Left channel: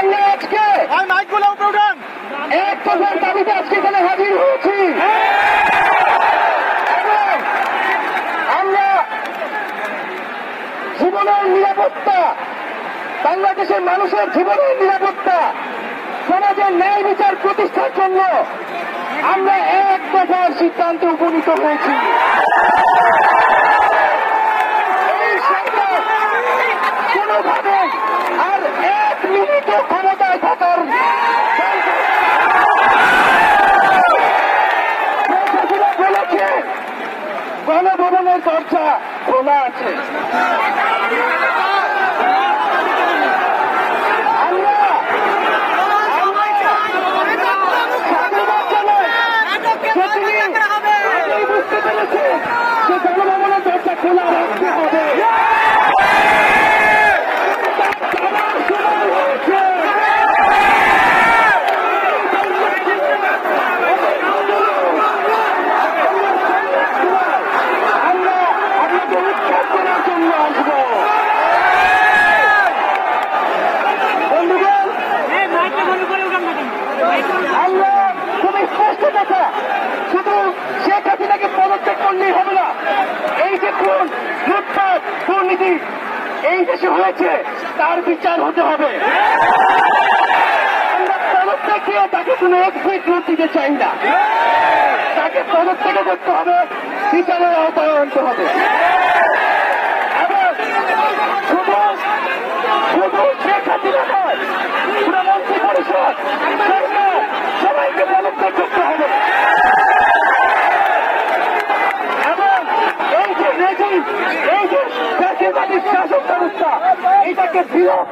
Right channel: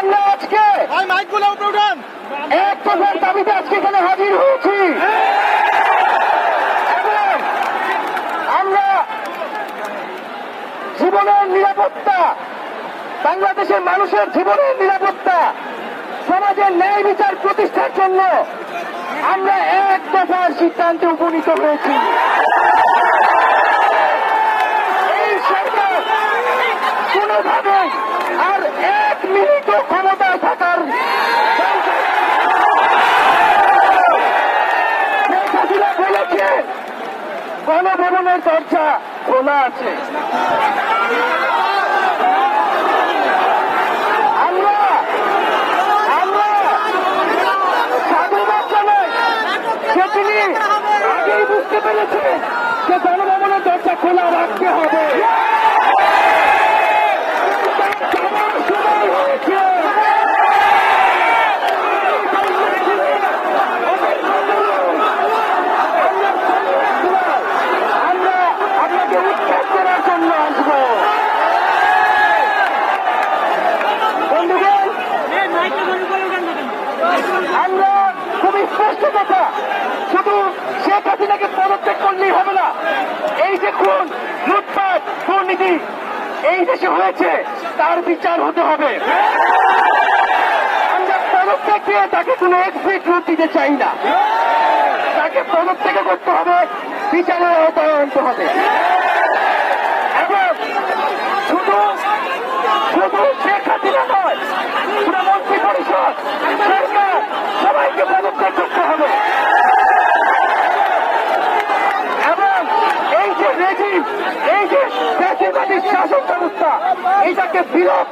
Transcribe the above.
আজকে ভাই মাইকগুলো উপরে উঠান এক দফার দাবিতে আজকে এখানে হাজির হয়েছি। আমরা জীবনের নিরাপত্তা বাংলাদেশের মানুষের জীবনের নিরাপত্তা সমাজের ন্যায় বিচার প্রতিষ্ঠার জন্য আমরা এক দফার সিদ্ধান্তে উপনীত হয়েছি। গণভবনের দরজা খোলা আছে যে গণভবনের দরজা খোলা রাখতে হবে আমার সময় হয়েছে আমরা আপনাকে উত্তর দেওয়ার জন্য আসব বন্ধুগণ আমরা খুব স্পষ্ট কথা শুধু শেখ হাসিনাকে পদত্যাগ করলেই হবে না। এই যে খুন, লুটপাট, দুর্নীতি, এই দেশে হয়েছে, তার বিচার হতে হবে। তাকে কোনো এক্সিট রুট দিতে চাই না। তাকে পদত্যাগ করতে হবে, বিচারের আওতায় আনতে হবে। শুধু শুধু শেখ হাসিনা নয় পুরো মন্ত্রী পরিষদ সরকার সবাইকে পদত্যাগ করতে হবে এবং এই যে রেজিম এই যে জাতীয়তাবাদী শাসন ব্যবস্থা এটাকে বিলোপ